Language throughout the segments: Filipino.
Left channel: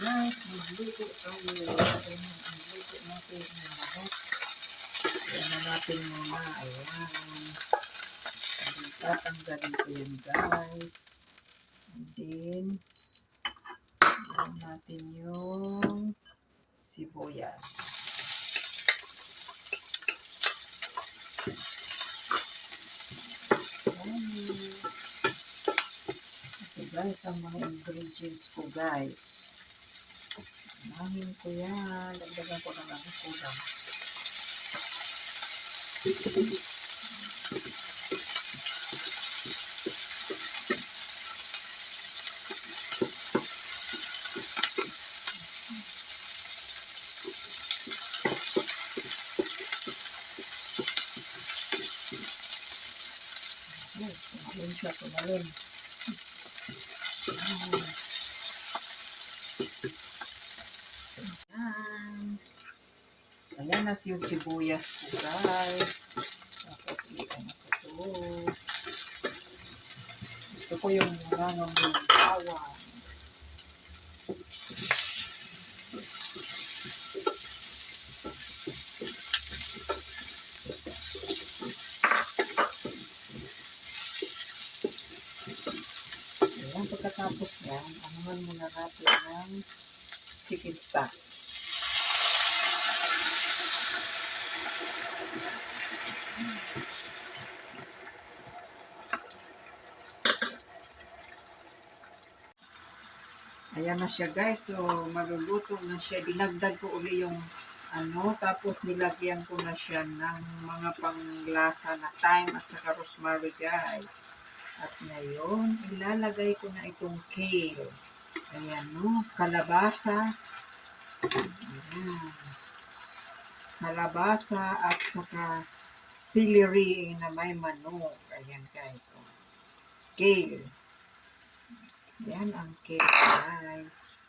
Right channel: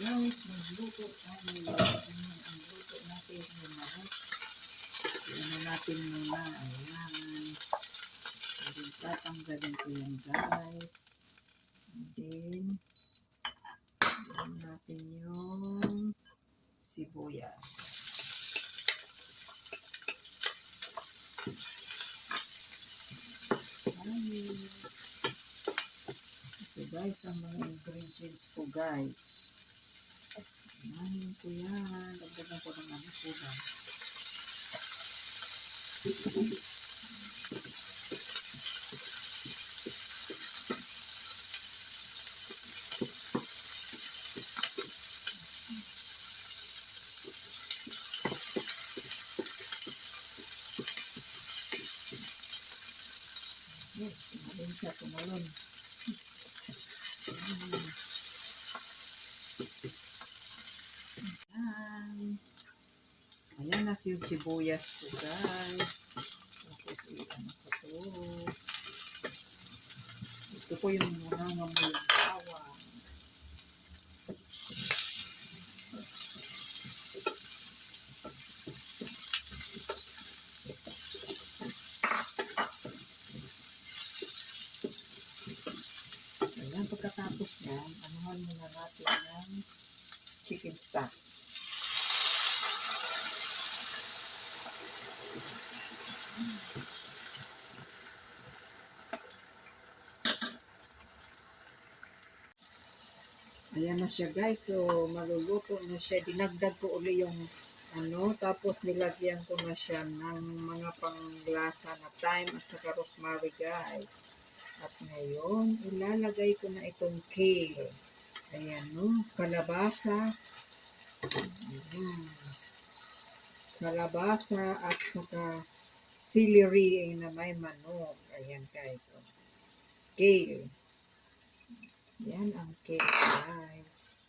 Guys, magluto tayo. Ang luto natin ng manok. Ayan na natin muna. Ayan. And then, tatanggalin ko yan, guys. And then, ayan natin yung sibuyas. Ayan. Okay, guys, ang mga ingredients ko, guys. Unahin ko yan. Dagdagan ko na lang kulang. Yes, tumalon siya, tumalon. Ayan na yung sibuyas ko, guys. Tapos, i-ano ko to. Ito ko yung muna ng bawang. Ayan, pagkatapos yan, anuhan muna natin ng chicken stock. Ayan na siya, guys. So, maluluto na siya. Dinagdag ko uli yung tapos nilagyan ko na siya ng mga panglasa na thyme at saka rosemary, guys. At ngayon, ilalagay ko na itong kale. Ayan, no? Kalabasa. Ayan. Kalabasa at saka celery na may manok. Ayan, guys. Oh. Kale. Yan ang cake, guys.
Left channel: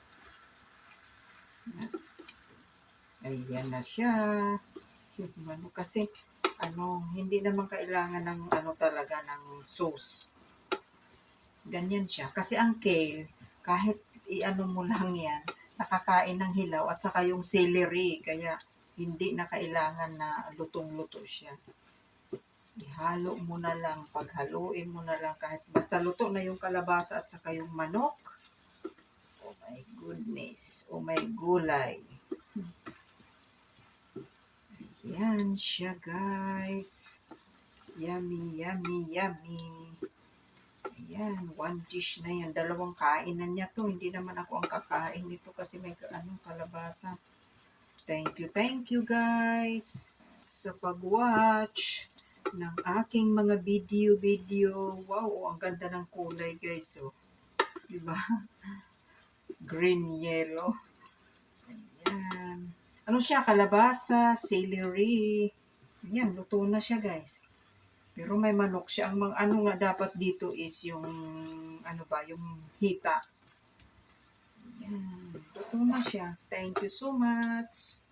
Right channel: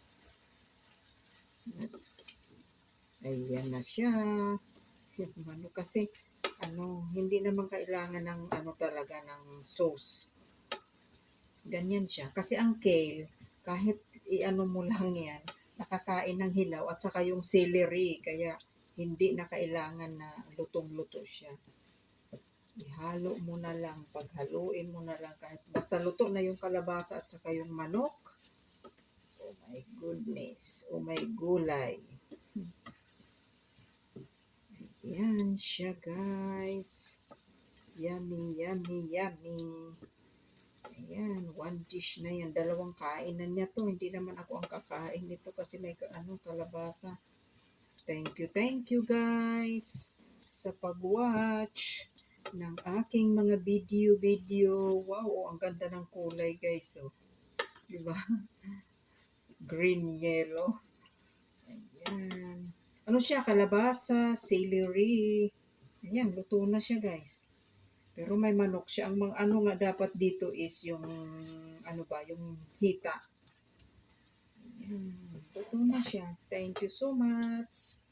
Ayan na siya. Kasi, hindi naman kailangan ng, talaga, ng sauce. Ganyan siya. Kasi ang kale, kahit mo lang yan, nakakain ng hilaw at saka yung celery. Kaya, hindi na kailangan na lutong-luto siya. Ihalo mo na lang, paghaluin mo na lang kahit basta luto na yung kalabasa at saka yung manok. Oh my goodness, oh my gulay. Yan siya, guys. Yummy, yummy, yummy. Ayan, one dish na yan. Dalawang kainan niya to. Hindi naman ako ang kakain nito kasi may kalabasa. Thank you guys sa pag-watch ng aking mga video. Wow, ang ganda ng kulay, guys. Oh. Diba? Green, yellow. Ayan. Ano siya? Kalabasa, celery. Ayan, luto na siya, guys. Pero may manok siya. Ang nga dapat dito is yung, yung hita. Ayan, luto na siya. Thank you so much.